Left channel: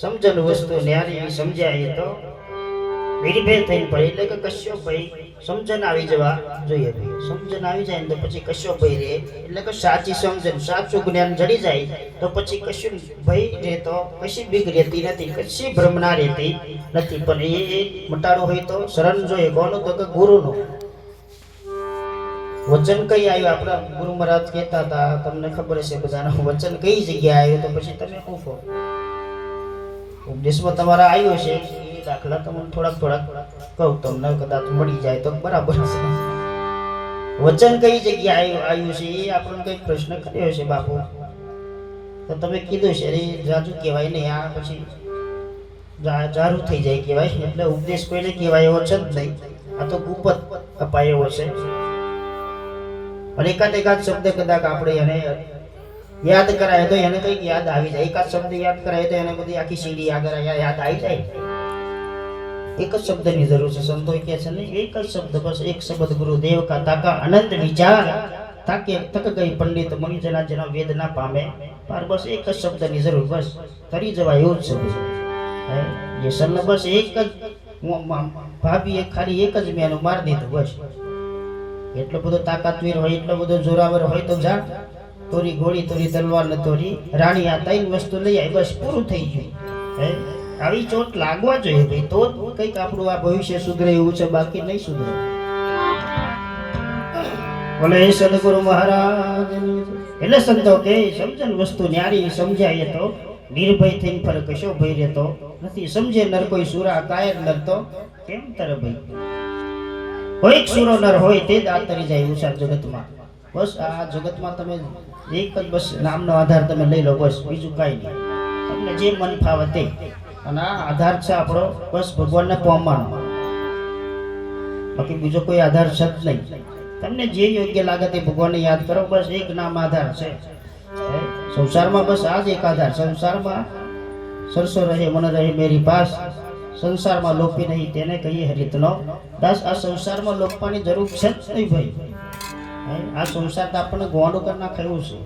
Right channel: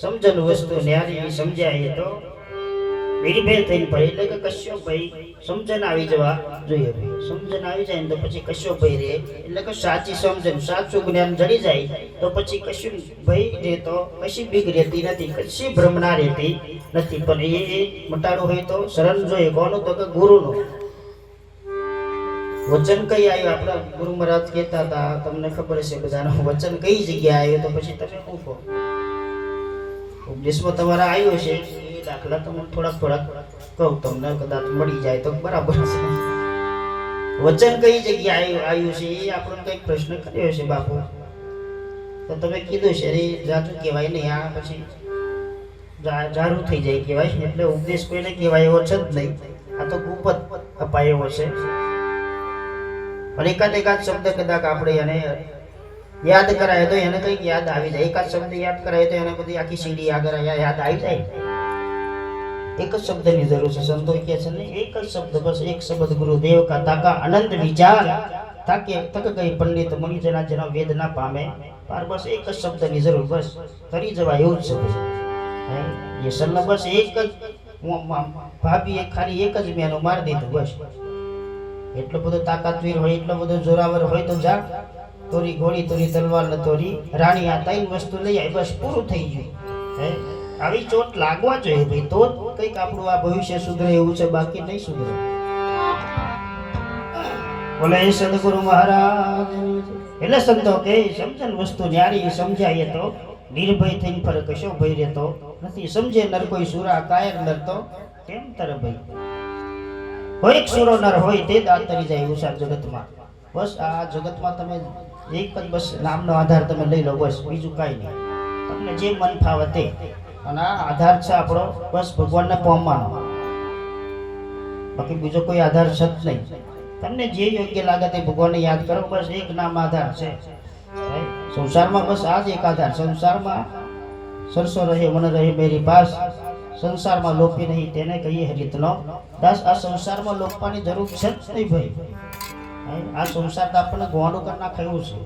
સમજન વસ્તુ ન્યારી સમજાય તો નિર્ભય થઈને ભાઈ એટલે કે કશ્યો ભાઈ સમજણ આવી જવા જોઈએ ભાઈ. સમજણ આવી જાય ને તો પછી કશ્યો ભાઈ રે એટલે કે સાચી સમજણ સાચું જ્ઞાન જડી જાય તો પછી કશું ભાઈ રે તો કશી બીક રહેતી નથી, કશી ભ્રમણા રહેતી નથી. પણ એ મટાડો હોય તો શરણ જોઈએ કોનો તો કે ગુરુનો. વચન કઈ આવ્યું આપણા ગુરુ મહારાજ કહેતા હતા, તમને ખબર હશે બધાનું વચન કઈ જગ્યાએ આવ્યું તો પછી તમે શું કહો? ઉપદેશમાં તમારા આવ્યું છે એ દાખલા તમને થોડાક કહું, તમને કદાચ મળી જાય તો બરાબર છે. વચન કઈ જગ્યાએ આવ્યું છે એ આપણને કઈ પ્રશ્ન કર્યો છે બાપુ તો તમે કીધું છે એ જાજુ કહેવાય નહીં, આ પછી જારું થઈ જાય કહેવાય. એટલે ઉપદેશ કોઈને કહેવાય એવો છે જ નહીં, આ તો ગુપ્ત અપાય એવો છે. અને એકાદ શબ્દ કદાચ આપણે એને યાદ કરાય તો એને કંઈક યાદ આવી જાય. એકાદ શબ્દ યાદ કરાય તો એને બધી આખી સીડી યાદ આવી જાય. એક જ શબ્દની જરૂર છે. સંતો કહે છે ને એક જ શબ્દ, બસ એક શબ્દ ગુરુદેવ કા તાકા અનંત વિચાર તાકે તક ગઈ પંડિત મની જના જેનો વેદ ના પામે. પર બસ એક જ શબ્દની જરૂર, બસ કરી જવાય એવું જ છે. એ સન્ન બસ એક જ ભાભી ખાલી એક જ મેનું મારી દીધું બસ. એટલો બધો તાકાતવીર હોય, એટલો બધો જોરાવર હોય તો જા તોરી ઘોડી તોરી તલવાર ને તોરી રાણી, આ ત્રણ વસ્તુ લઈ આવી બસ પૂરું થઈ ગયું. આવી ચોટ લાગવા જોઈએ ભાઈ, તો કંઈક આપણું આ ભવિષ્ય સુધરે એવું છે, બાકી નહીં સુધરે. બોલે સદગુરુ મહારાજ. એટલે સંતો કે સમજણ વસ્તુ ન્યારી સમજાય તો નિર્ભય થઈને ફરક કશો ભય રહેતો નથી. સમજે નર કોઈ સુરા કાયર નર તો કેમ તર ભાઈ. કોઈક સુરો નર હોય તે દાંત તરી જાય એવું છે જગતમાં. બસ આ જગતમાં તમે એક જ બસ નામનો આધાર તમે લઈ લો, બસ બીજું કાંઈ નહીં. તમને જે મન ફાવે તે, અને આ આધાર છે આપણો બસ ભગવાનને પામવાનો, બાકી બીજો કોઈ આધાર છે જ નહીં. તમને જે યોગ્ય લાગે તે ભગવાનને યાદ કરો, બસ એક નામ આધાર છે સંસારમાં. બસ આ જ એક આધાર. સંસારમાં સરસો રહે મન રહે મેરી પાસ, સંસારમાં લોપી નહીં તેને કહીએ હરિતનો દાસ. આ સંસારમાં લોપવાની જરૂર છે જ નહીં ભાઈ. આ સંસાર તો આપણને ગોંડું કરી નાખેલું છે.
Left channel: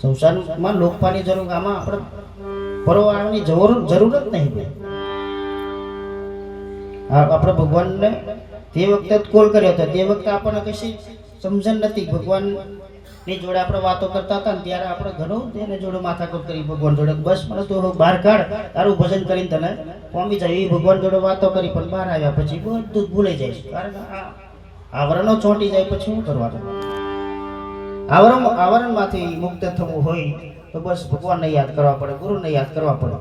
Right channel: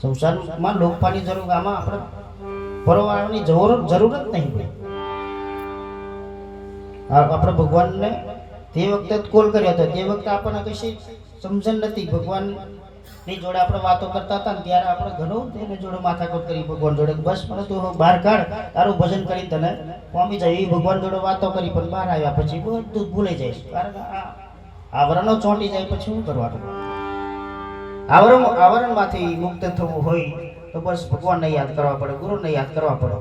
સંસારમાં લોપવાની જરૂર, આમાં આપણે પરવાળવાની જરૂર જ નહીં ભાઈ. આપણે ભગવાનને તે વખતે કોલ કર્યો હતો, તે વખતે આપણને કશી સમજણ નથી. ભગવાનની જોડે આપણે વાતો કરતા હતા ને ત્યારે આપણે ઘણું તેની જોડે માથાકૂટ કરી ભગવાન જોડે, બસ મને તું બહાર કાઢ, તારું ભજન કરીને તને પામી જાય. એ ભગવાન જોડે વાતો કરી પણ બહાર આવ્યા પછી બધું જ ભૂલાઈ જાય. કારણ કે આવરણો ચોંટી જાય પછી શું કરવાનું? આવરણમાંથી મુક્ત થવું હોય તો તો બસ ભગવાનને યાદ કરવા પડે, ગુરુને યાદ કરવા પડે,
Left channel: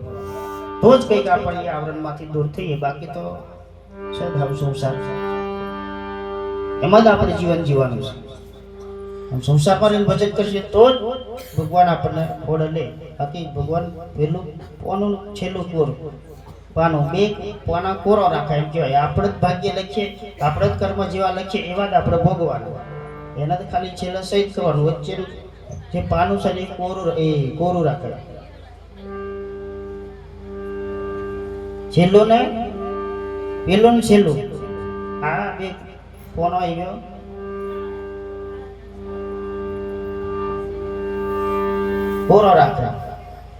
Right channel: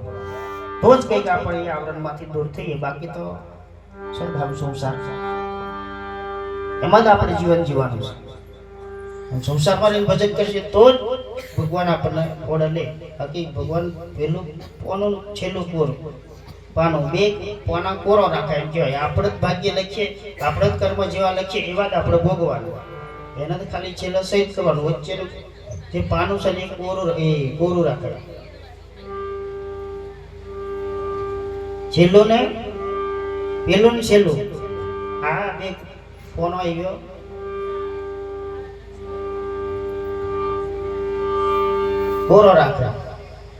તો જ કંઈક આપણે એ આવરણમાંથી દૂર થઈએ. બાકી તો સદાવ સંસાર એમાં જ આપણે જીવન જીવવાનું છે. સંસારમાં રહીને ભજન કરીએ તો જ ભગવાન આપણને ઓળે લે. બાકી ભગવાન પહેલું પોનું છેલ્લું કોરું પાનું, બે પોના કોરો રાખાય એમ કહેવાય. આપણે જ ભાગ્ય લખીએ, આપણે જ કર્મ જેવા લખીએ એવા જ આપણે ભોગવાનું. એનાથી ખાલી છેલ્લે સહિત કરવાનું, વચ્ચેનું જે પાનું છે ને એ કોરું રાખે. છેલ્લું ને પેલું ને છેલ્લું આ બે પોનો આવ્યો. કોરો રાખે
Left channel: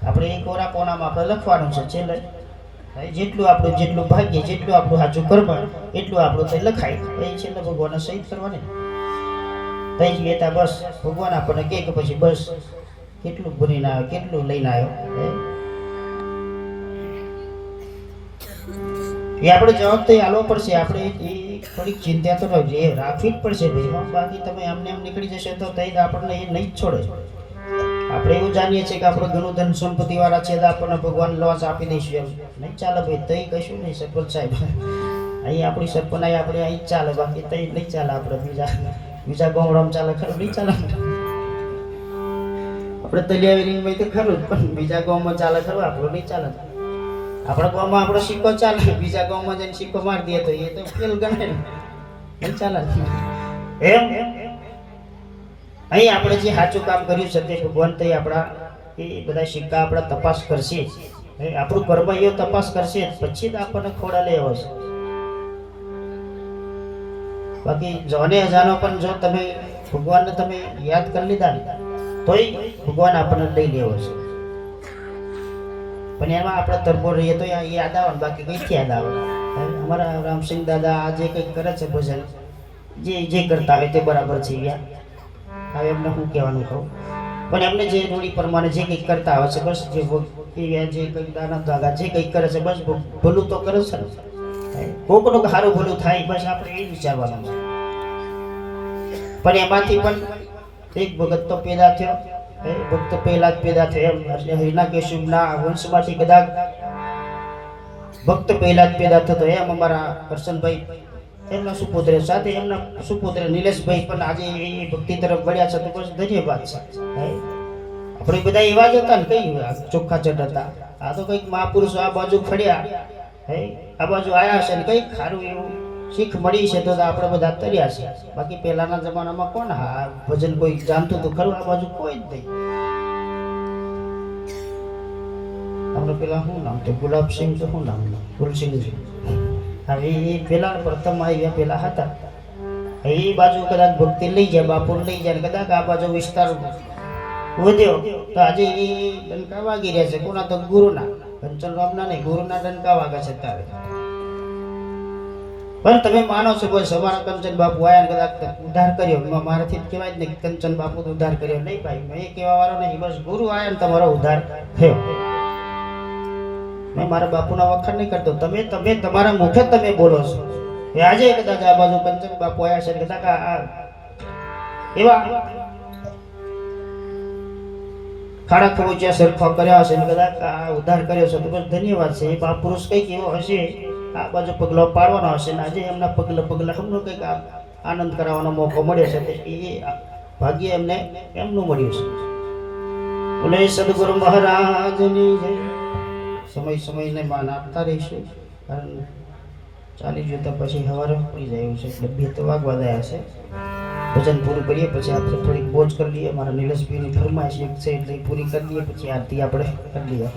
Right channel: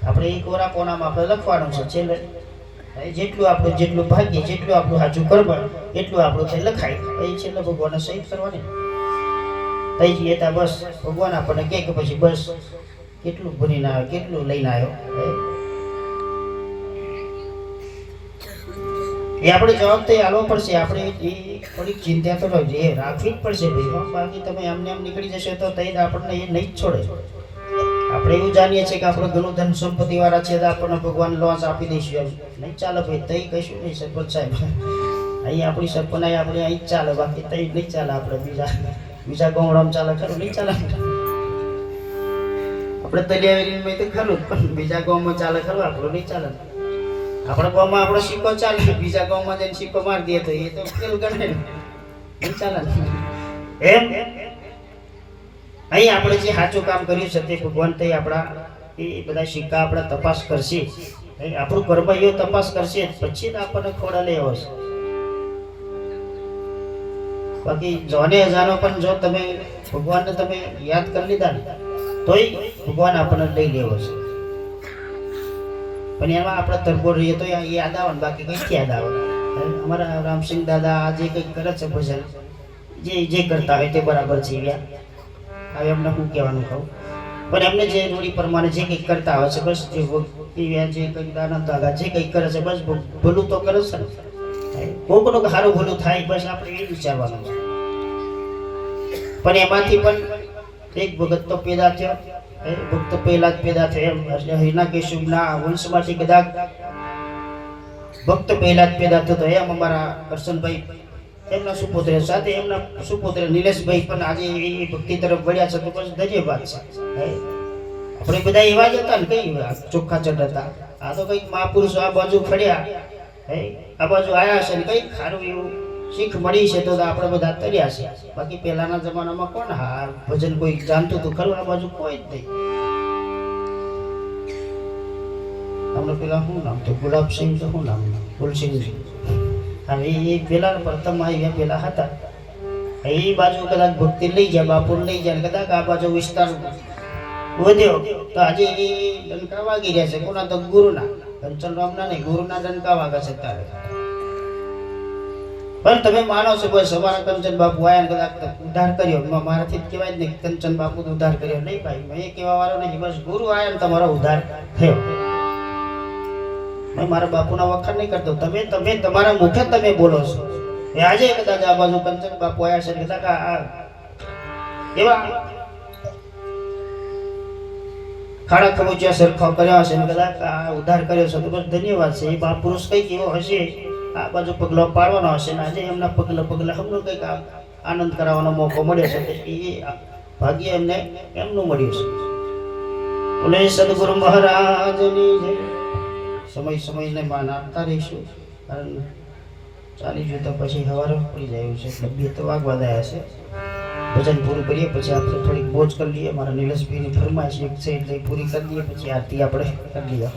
આપણે એ કોરા કોનામાં આપણે લખવાનું છે. છેલ્લે જેટલું આપણું જેટલું ભાગ્ય, જેટલું આપણું સાચું કરવા એટલું આપણું તે લખાય. એ છેલ્લે ભગવાનને સહિત કરવાની થઈ જઈએ તા બસ ભગવાન આપણને કહે કે પછી બસ કેટલું ભરીને આવ્યો, કેટલું લઈને આવ્યો. એ આપણે જવાબદારી આલવો પડશે. આપણે એ થોડીક ચિંતા તો રાખવી જ પડશે ભાઈ. બાકી તમે એમને એમ નીકળી જશે તો આપણને એ નહીં જ છોડે. આપણે એવું જાણીએ છીએ કે આપણે ઘણું ધન સંપત્તિ વાળા છે તો આપણને ભગવાન લોસ આપી દઈશું, નહીં ચાલે ભાઈ. તઈ કશું નહીં સરપંચ સાહેબ, અહીં આપણી સરપંચ આપણે અહીં જ ચાલે, બાકી તઈ નહીં ચાલે. આપણે બીજા ગામડામાં ચાલે ખરું, નહીં ચાલે. આપણે તલિયાવેરી તો ખરું, પણ બીજા ગામમાં ચાલે ખરું, આપણું નહીં ચાલે. આપણા ગામમાં આપણો સિક્કો ચાલે, બીજા ગામમાં જઈને સિક્કો મારી દે તો એ તો પેલું ગણે, નહીં ચાલે. એમ અહીં આપણે જે સાચું કામ કર્યું છે તે ભગવાન તે આપણા એ બધા સિક્કા આપણા તપાસ કરશે. આપણું કર્મ એ તપાસ કરશે પછી જ આપણને ખોડા લેવો છે. બાકી જોને અજાનો પણ જો તમે ભગવાનને તમે યાદ કરી લીધા ને તોય ભગવાન આપણને લઈ લેવો છે. પણ એમાં આપણે તરફો રહીએ તો યાદ આવે, બાકી કઈ યાદ આવે. અમારા રામસિંહ દાદા આ જે કંઈક કરે છે ભજન, જે કરતા હોય તે બરાબર છે. હવે એમને હું કહેવાનું કહું, પણ એમને જે રૂઢી પ્રમાણે જે કંઈક કરતા હોય છે બસ જે કંઈક દાનવ દાગા જે કંઈક કરે છે બસ ભલું તો કરે છે ને. કોકનું સારું ભલું થાય બસ આપણે એ વિચારવાનું છે. પણ એમાંથી પણ એક ભગત તો પેદા થયો, ભક્ત પહેલા જ પેદા થયા એમ હિના કેશુના વંશમાંથી કદાચ ભક્ત પહેલા જ પેદા થતો એમ અમારા કરશનભાઈ એમના સુપુત્ર સાથે એમના સુપુત્ર નિલેશભાઈ પણ આજે એ ભક્તિ તરફ વળ્યા છે તો બસ ધન્યવાદ છે. આપણે બધા એવા જ હતા ને, કઈ ચોખ્ખા ચડ હતા. આ તો કંઈક મહાપુરુષો આ બાજુ ફળ્યા, આ બાજુ આવ્યા છે ને કંઈક સારું એવું શીખ મળી છે તો આપણે બધા તર્યા છે. બાકી પહેલાના જમાનામાં કોણ આ ભજન કોઈ જાણતું તો ખરું, આ બાજુ કોઈ જ નહીં. આપણે પેલા શું નામ તો ગુલાબસિંહ તો શું નામ તુલસિંહ. હવે એ પેલા પ્રથમ આવ્યા પેલા હતા એ બાજુ કદાચ ભક્તિ લઈ જાય, બાપુ લઈ જાય કદાચ આ બાજુ વિસ્તાર વધ્યો તો આજે એ ડંકા વાગી રહ્યા છે. કોના તો ગુરુના, કંચન રામના નહીં, ગુરુના ડંકા વાગે છે ત્યારે. પણ તમે માનો છો કોઈ સવારે કંચન બાપુ આયા કદાચ ઉદ્ધાર કર્યો, મારાથી જ કહેવાય જ નહીં કંચન બાપુ ઉદ્ધાર કર્યો, નહીં ભાઈ મેં કહેવા વાળો નહીં, બસ ગુરુ આયા ને તમારો ઉદ્ધાર થયો. મેં મારા બાપુના વખાણ નહીં કરતો, તમે તમારા મુખે તમે બોલો છો. એ આજે કદાચ આ બાજુ કંચન બાપુ આવ્યા છે કદાચ એવા ખાડા ખબોચ્યા સરખો કર્યા હશે ને કદાચ આ ઉદ્ધાર કર્યો છે તો બસ ધન્યવાદ છે. એ મહાપુરુષ કંઈક એવો હશે આ બાજુ પગલો પાડવાનો હશે ને આજે એમના પગલા હમણાં કંઈક આનંદ કરાવવાનો મોકો મળ્યો છે. એ ભાગ્ય એમને એમનું મળ્યું છે. બોલે સદગુરુ મહારાજની જય. સમયને માન આપતા રહીશું, કારણ ચાલી ગયું તો પછી સવારે પડી જાય એવું છે. એટલે 2 તો વાગવા દયા છે. ભજન પૂરું કરીએ પછી આપણે થોડીક બોજ કરી લઈએ. મારા નિલેશભાઈની ફરમાઈશ એક છે એટલે પૂરી કરી લઈએ પછી આરતી આપણે કરી લઈએ.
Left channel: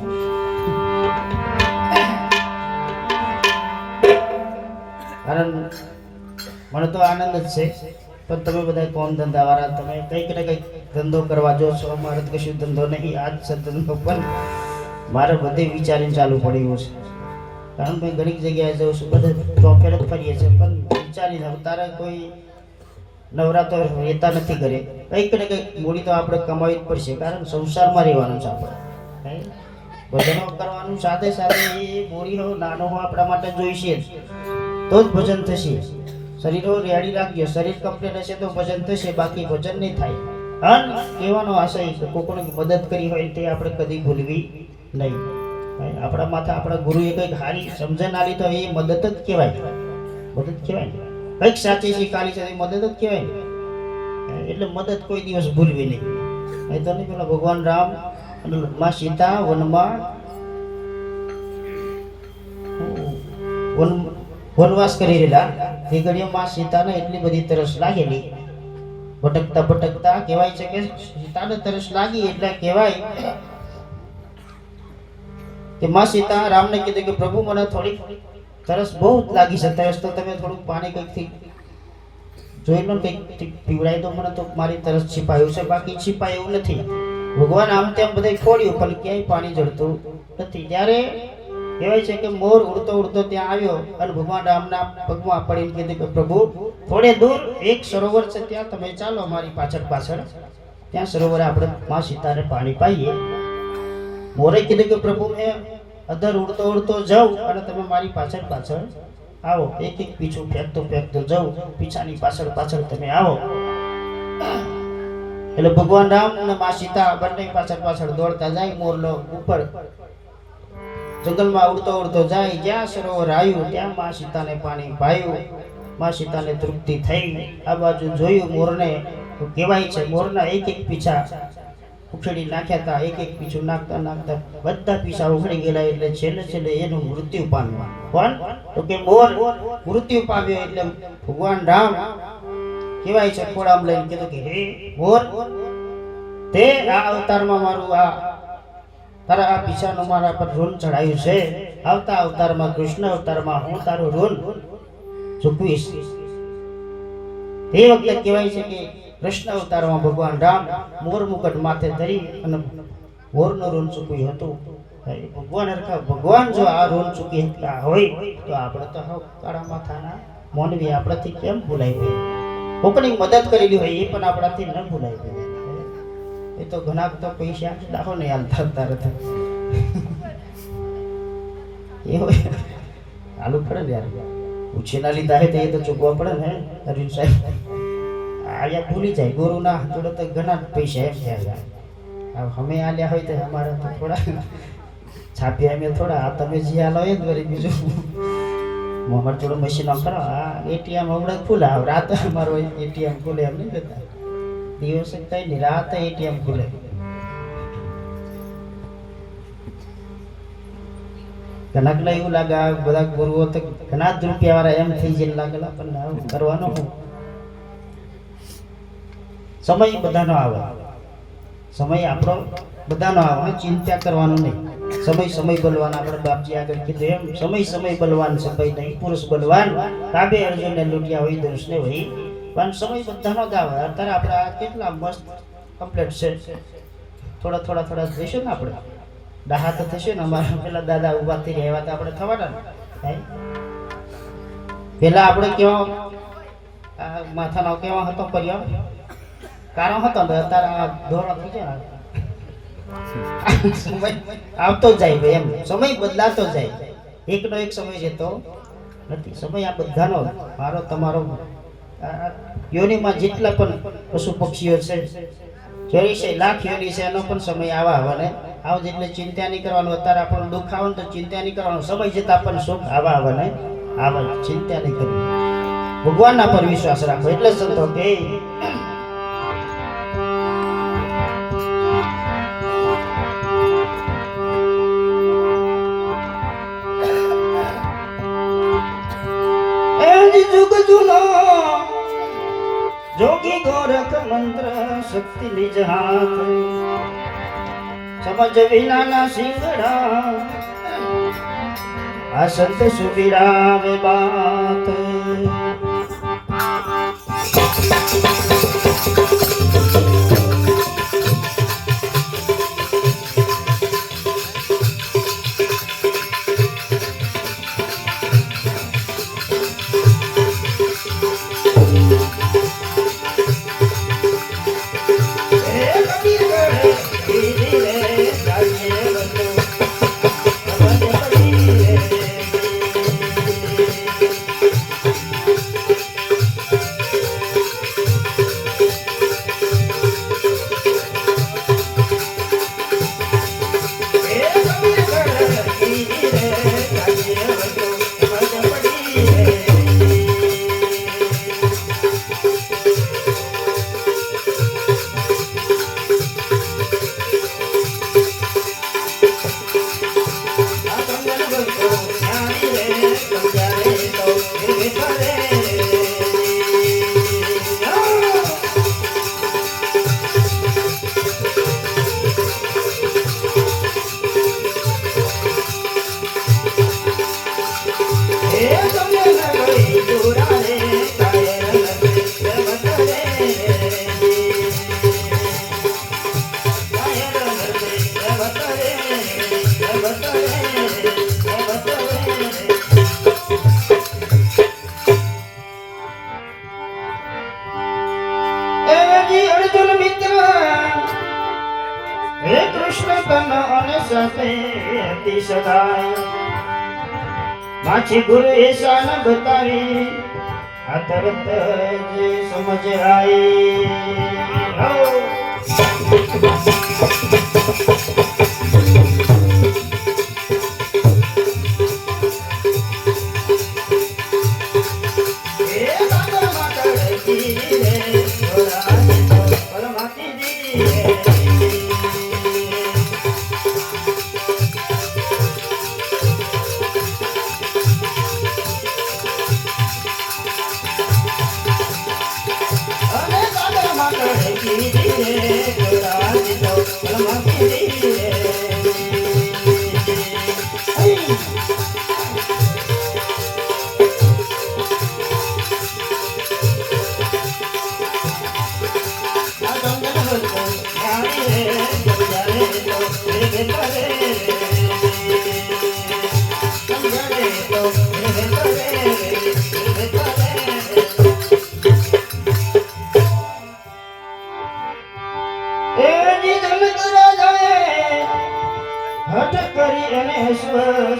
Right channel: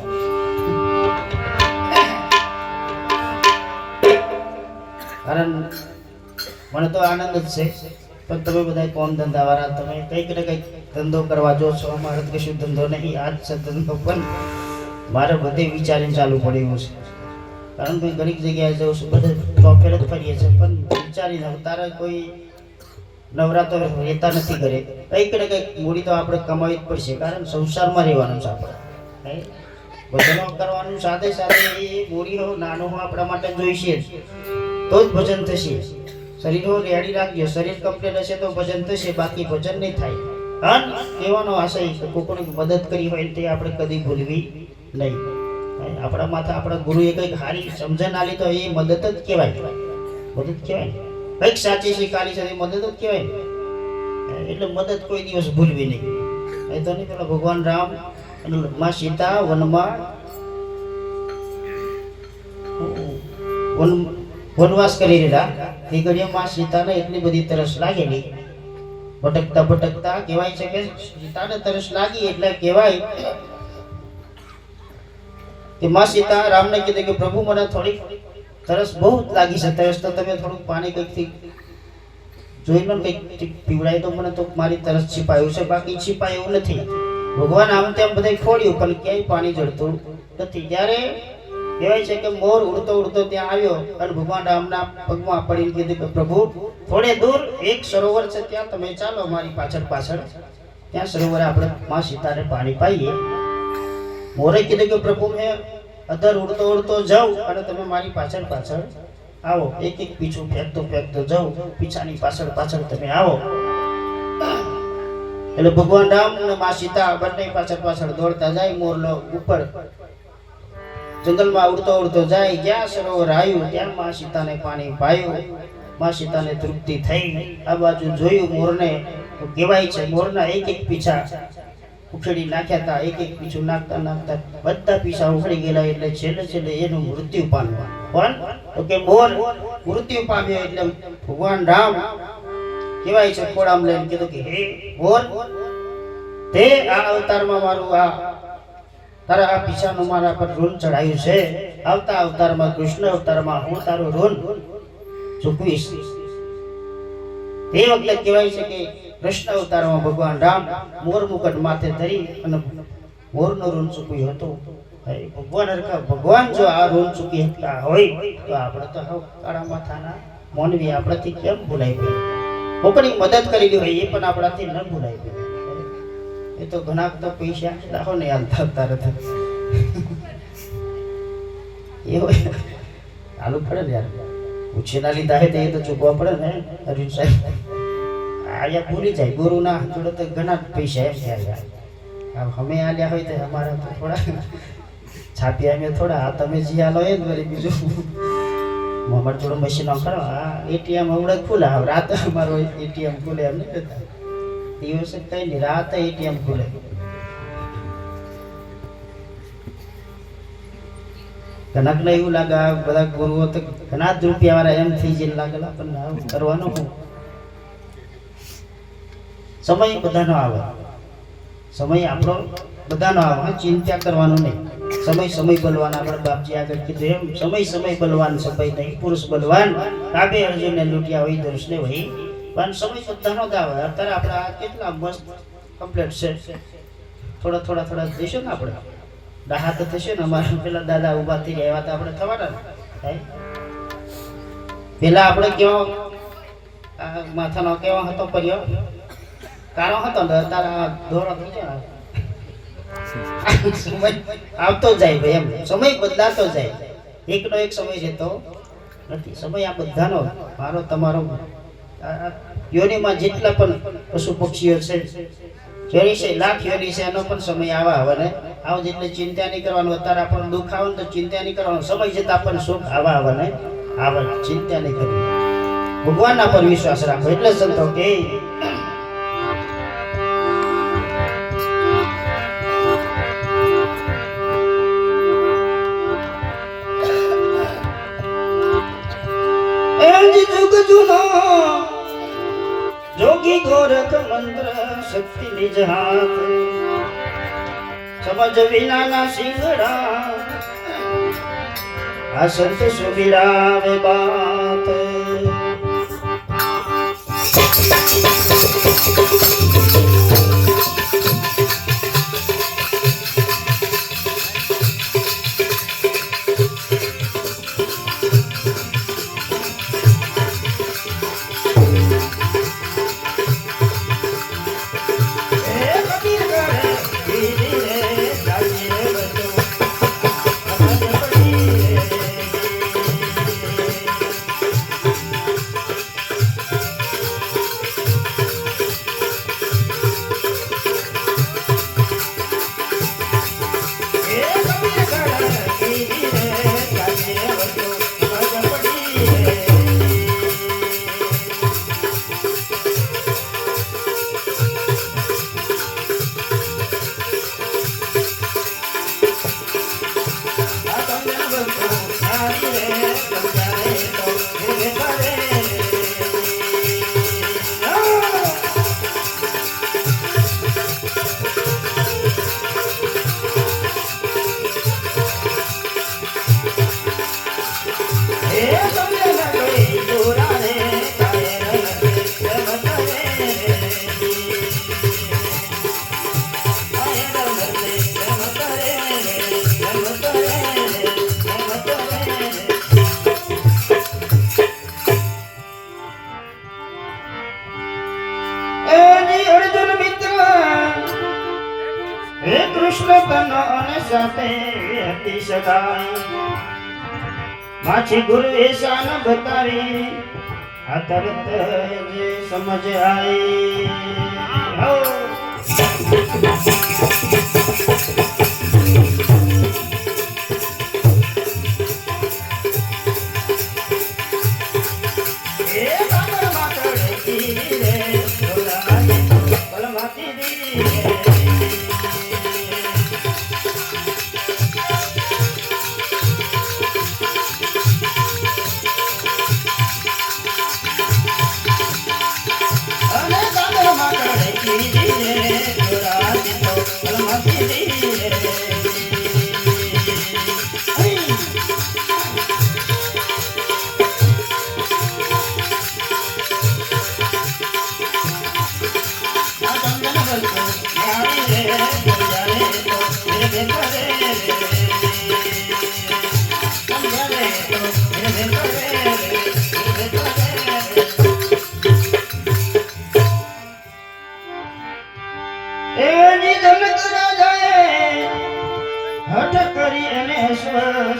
કારણ મને તો આનંદ જ છે, પણ તમે બધા કોમ ધંધા વાળા તમે કંઈક ને કંઈક ધંધો કરવા જો છો. મારે કશું ધંધો નહીં, આ જ છે ધંધો. પણ મારે બધે વિચારીને ચાલુ પડ્યું છે, કારણ કે ઘણી જગ્યાએ જાઉં છું, બધે પ્રોફેટ જ કરીએ છીએ પણ વિચારી જાઉં તારે કોઈ નવરાત્ર રહેતા નથી ઘરે. કંઈક ને કંઈક મૂડી તો આપણે કમાવી જ પડશે, કારણ સંસારમાં રહેવાનું છે આપણે. ભજનો કરવાનું સાથે સાથે એ મૂડી હો નાનો હો આપણા માટે જોઈશે તો જ ભજન થશે. શરીર રેડી રાખજો, શરીર કમ્પ્લીટ હશે તો ભજન થશે, બાકી ભજન નહીં થાય. અને કહેવાનો આશય છે કોઈની મદદ કરી હોય તે આપણે કદી ભૂલવી નહીં. આપણા માથા આપણા ગુરુએ કંઈક સારી સમજણ આલી તો એ મદદ જ કહેવાય. મદદ કહેવાય કંઈક સાચી શીખાલી છે એ મદદ જ કહેવાય ને. એટલે મદદ કોઈ દિવસ ભૂલવી નહીં. એ તો નહીં પેલા ભગવાન રામ અને માં સીતા વનમાં વનવાસ કરી રહેલા એ ઘડીમાં સીતાને એટલી બધી તરસ લાગેલી. ભટકતા ભટકતા કહેવાય છે કે સીતાને તરસ લાગી એટલે કહેવાય કે માં સીતા રામને કીધું કે પ્રભુ મને થોડી તરસ બહુ લાગી છે. તરસ તો તમે થોડું પાણી કંઈકથી જોઈ લો, કંઈક પીવડાય તો મને તો મારી તરસ છીપાયું છે, બાકી છીપાયું નથી. ભગવાન આમ તેમ બધે ખોડ્યું પણ ક્યાંય પાણી જળતું નથી. ત્યારે કહેવાય છે કે મોર ઉડતો ઉડતો ત્યાં આવ્યો અને ભગવાન રામના પગમાં પડીને કીધું કે પ્રભુ થોડે દૂર એક સરોવર છે, ત્યાં તમે ચાલો મારી પાછળ પાછળ, ત્યાં સરોવરે આપણે માં સીતાને પાણી પાઈએ. મોરે કીધું કે પ્રભુ મેં અધર ઉડતો ઉડતો જાઉં અને તમે મારી પાછળ પાછળ આવો. એક એક પીછું ફેંકતો ફેંકતો જાઉં, પીછાની પાછળ પાછળ તમે આવો. એટલે ભગવાન રામ અને માં સીતા બંને પાછળ પાછળ દોડતા જાય. મોરલો ઉપર જંગલમાં ઉડતો ઉડતો જાય. જ્યાં સરોવર આવ્યું ત્યાં માં સીતાને પાણી પાયું. માં સીતાને તૃપ્તિ થઈ. આ બાજુ જોયું મોરને તો કહેવાય છે મોરના એક એક પીછા ઉખેડી નાખ્યા હતા. એક એક પીછું નાખતા નાખતા બધા પીછા ઉખડી ગયેલા. એટલે છેલ્લે છેલ્લે એનું મૃત્યુ પામ્યું. કોણ? તો કે મોર મૃત્યુ પામ્યો. એટલે ભગવાન રામ કહેવાય છે ખોળામાં લઈને કીધું કે હે મોર, તે આ અવતારમાં મારું આ તારા આ પીછાનું મારા પર ઋણ ચડાયું છે. આવતા અવતારમાં કૃષ્ણ અવતારમાં હું તારું ઋણ ચૂકવીશ. તે વખતે કહેવાય છે કે કૃષ્ણ અવતારમાં ભગવાન રામ મોર મુકટ માથે ધરી અને મોરનું ઋણ ચૂક્યું હતું. ભગવાન જો આ ઋણ ચૂકી શકતા હોય તો આપણે તો કાળા માથાના મોનવી આપણાથી કેમ ભૂલાઈ ગઈ? કોકની મદદ કરેલી હોય એ પણ આપણાથી ન ભૂલાઈ ગઈ. એ તો ઘણા તો પૈસા દાખો નહીં હાલતા તરત એવું હાલું પડે ને યાર. ઉછેના લીધા હે તો એ તો ચૂકવા પડે ને અરવિંદ સાહેબ. આયા ભૂલી જાય ગુરુ ના જોડે તો ઘણા પૈસા એમ થયા. અમે આલ્યા હોય તો અમારે તો થોડા છાપ્યા અમે થોડા. આ તમે જે આલો એ વળી બીજું મોહમ્મદ જોડે મશીનો કરો. આ એટીએમ હમણાં ખુલ્લા રાત અમારો એટીએમ ખુલે એમ નહીં કરતા. દિવસે કઈ નહીં, રાત એટીએમ ખુલે. ઘણા એવું લાગે આ બધા ગુરુઓ તો ઘણા જ રૂપિયા વાળા એમ થઈ જાય લાગેલા. પણ કરવાનો સમય બધાનો આવે. સમય આપણો બધાનો આવે. ચિંતા કરવાનું નહીં. સમય સમય બલવાન. આપણે બાપજી આગળ કીધું એમ સમય સમય બલવાન સમય નહીં પુરુષ બલવાન. કાબે અર્જુનને લૂંટ્યા હોય દર્શને હોય. પણ સમય બધાનો જ આવે. અત્યારે આપણે કેટલા મસ્ત કમ્પ્લેટ છે. થોડા થોડા થોડા જઈશું ને આપણે દાહા તો થશે ને. અમારા પેલા દાદા ઉભા થઈ રહ્યા તો આપણે થવાના ને. પેલા આપણે કેવો માથાનો કેવો હતો કર્યો કારો હતો ને તારા દોરો થઈ જાય. સમય આવતો જાય ભાઈ એમ. સમય બદલાતો જાય. એકનો એક સમય જતો નથી. સમય આ બધાનો મારો તમારો યોનિમાં જેટલા પણ પશુ પક્ષીઓ છે 84 લાખ યોની છે એનો પણ સમય આવે ને આવ. જેટલે ચિંતા નહીં કરવાનું. અત્યારે આપણને દુઃખ આવે તો ચિંતા નહીં કરવાનું. સમય જતા આપણને સુખ આવે ને આવે. ચિંતા નહીં કરવી. ભગવાનના પર વિશ્વાસ રાખો. એટલે સંતો કે જોગી ગોરખ મંત્ર શક્તિ નિજ હાથ. સમજ વિનાના સિંગડા આ સંત સુબીરાવે બાત. સમજાય તો બેઠા રે માછી ગુરુ એસા ન બતાવી આ તરત જ સમજ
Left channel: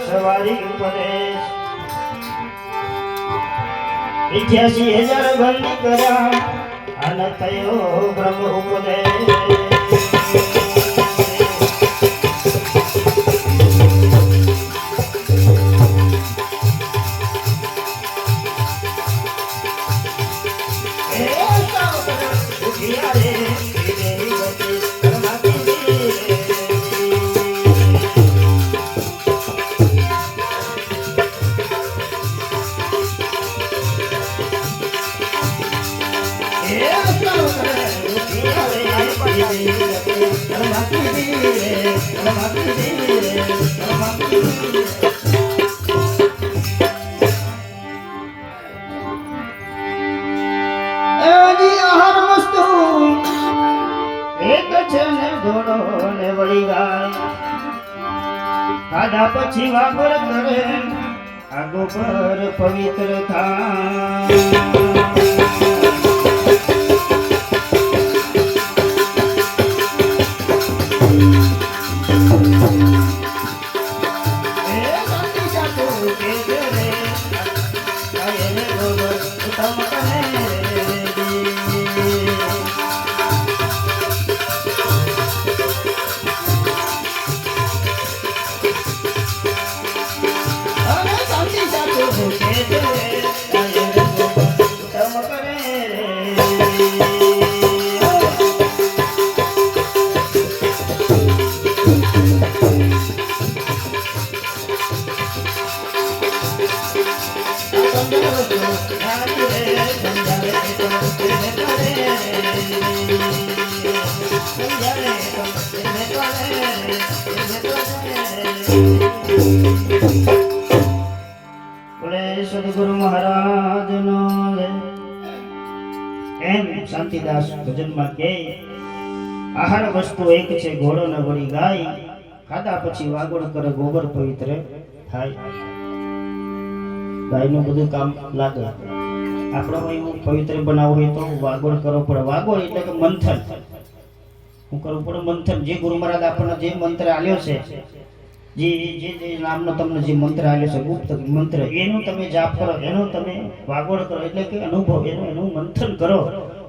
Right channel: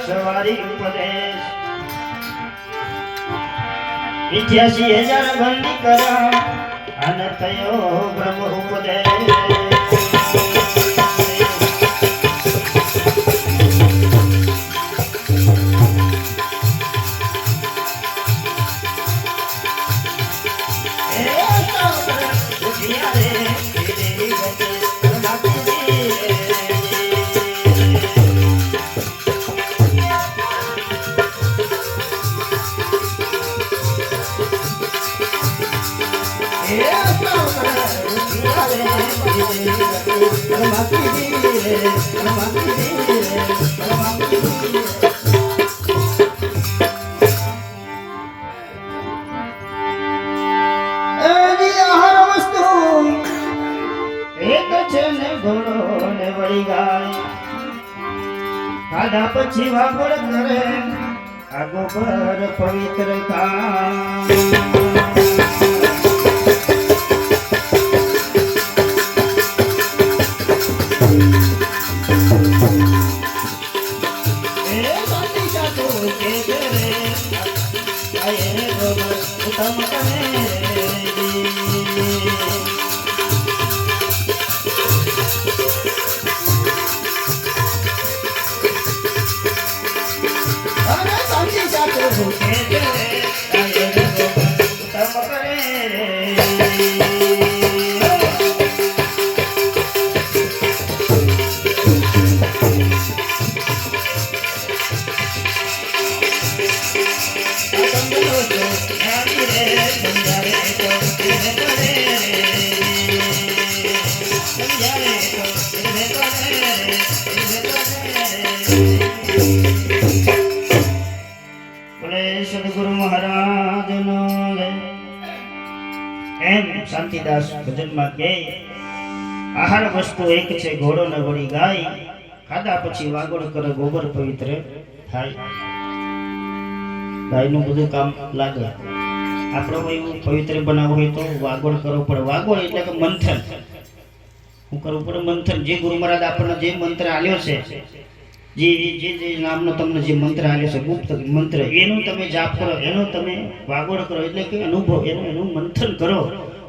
સવારી ઉપદેશ 88,000 બંદી કર્યા અને થયો બ્રહ્મ ઉપદેશ પછી વાપર કરે આગો પર પવિત્ર સદગુરુ મહારાજ નો એમ શાંતિદાસ ભજનમાં કે આહાર વસ્તુ એક છે ઘોડો ને વળી ગાય ખાધા પછી વાગોળ કરે ગોબર પવિત્ર થાય ગાયનું બધું કામ લાગે આપણો એવું પવિત્ર બનાવવું હોય તો વાગોળ કરવો પડે વાગોળ એટલે કે મંથન હું કરવું પડે મંથન જે ગુરુ મહારાજ આપણને જે મંત્ર આલ્યો છે જે નામનો તમને જે મંત્ર આલ્યો છે ગુપ્ત મંત્ર એનું તમે જાપ કરો એનો તમે વાગોળ કરો એટલે કે અનુભવ એનું મંથન કરો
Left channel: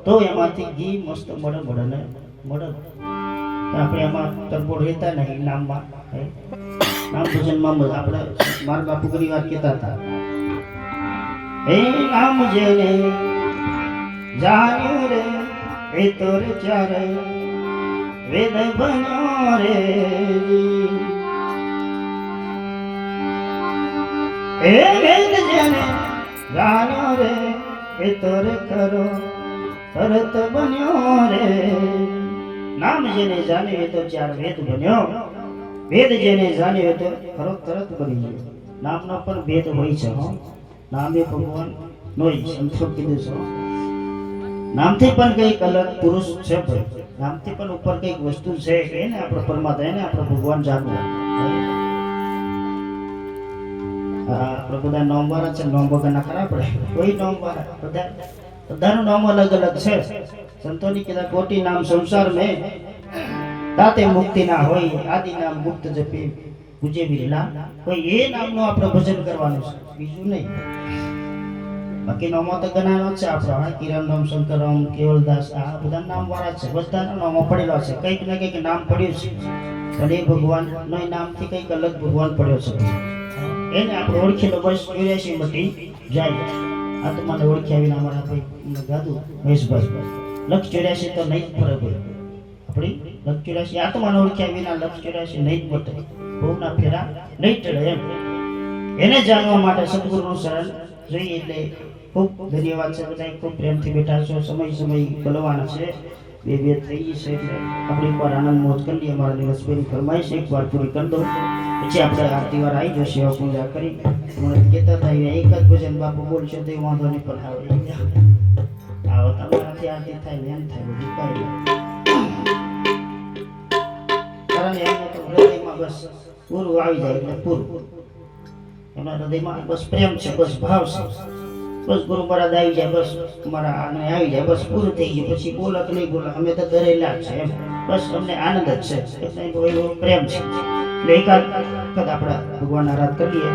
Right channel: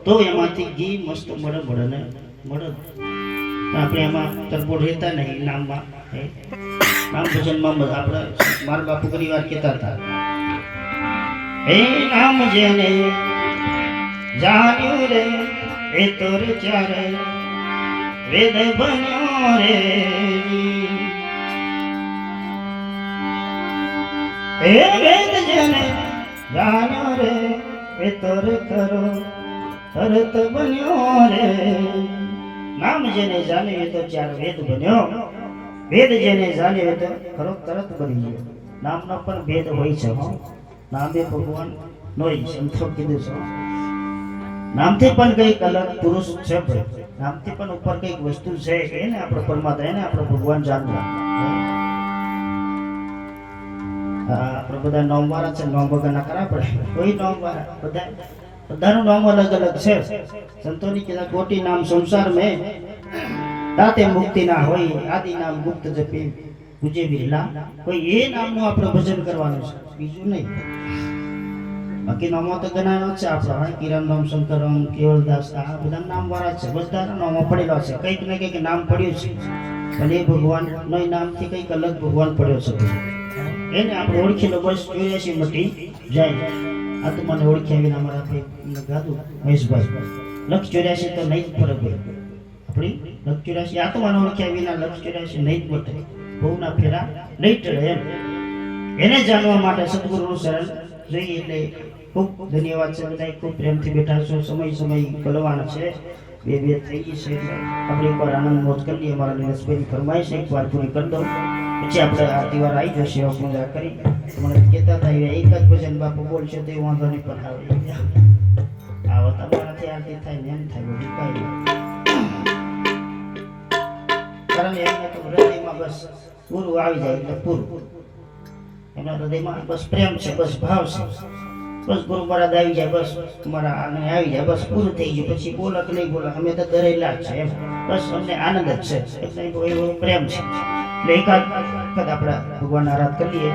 તો એમાંથી ઘી મસ્ત મળે ને મળે આપણે એમાં તરબોળ રહેતા નહીં નામમાં નામ ભજનમાં આપણે મારા બાપુ ઘણી વાર કહેતા હતા હે નામ જેને જાણ્યું રે એ તો રે ચારે વેદ બન્યો રે એ વેદ એ તર કરો તરત બન્યો રે નામ જેને જાણ્યું એ તો ચાર વેદ બન્યો વેદ જેને જાણ્યો એ તો ખરો તરત બની ગયો નામનો પણ ભેદ હોય છે હો નામે ભગવાન નોય સંતો કીધું છે નામથી પણ કઈક અલગ પુરુષ છે નામથી પણ ઉપર કઈક વસ્તુ છે એને આપણો પરમાત્મા એને આપણો ભગવાન જાણવા આપણે બધા નોમ વાળા છે નોમ વગરના ખરા આપણે કોઈ નોમ વાળા બધાનું નામ અલગ અલગ છે સંતોની કીધા કોટી નામ સંસાર મેં તાતે મુક્તિ ના હોય આદિ નામ મુક્ત જપી પૂજે વિરલા કોઈ એ નામનું આપણે ભજન કરવાનું છે બીજું નહીં બાકી નામો તો ઘણા છે આપણા કિરણ નામ શંકરમ કેવલદાસ આ બધા નામ વાળા છે બધાના નામો પડેલા છે કંઈક ને કંઈક નામ પડ્યું છે અને એ ભગવાન નો નામથી કંઈક અલગ ભગવાન પડ્યો છે એને આપણે ઓળખી લો બસ 84 મટી જાય આત્માને ઓળખી આવીને અમારા ભાઈ ગાધું મહેશભાઈ લક્ષ 84 તો નહીં જ ફરક હોય આપણી લક્ષ 84 આત્માને ઓળખી આવીને લક્ષ 84 નહીં જ મટે બહુના ફેરા નહીં ટળે એમ એને જાણવા માટે સદગુરુનું શરણ જોઈએ એટલે ખૂબ ધન્યવાદ છે બધા ખૂબ પ્રેમથી બેઠા છો સમય બોલવાના છે બે થઈ ગઈ છે આપણે એકવાર આનંદ મોજ કરી લઈએ અમારા દિવસભાઈની ફરમાઈશ એકવાર પૂરી કરી દો પછી આપણે આરતી વાર આવી જશે પૂજા કરી મને કહેતા થાય એક જ ભજન બાપુ બોલશે તો વાંધો નહીં પણ આવે તમારાથી આરતી થાય ને એમ થાય બધું કઈ કારણ એમને તો હૃદયમાં બસ પૂરું આવી જાય એટલે પૂરું એમના હૃદયમાં બસ પ્રેમ છે બસ ભાવ છે બસ ગુરુ મહારાજ આવી જાય બસ મારા આને આવી જાય બસ પૂરું થઈ ગયું પછી બોલક નહીં બોલક અમે તો ડરેલા જ છે એમ બસ અમને આનંદ જ છે એટલે એવો પ્રેમ છે એટલે એકાદ આપણા ભગવાન આરાધ કરીએ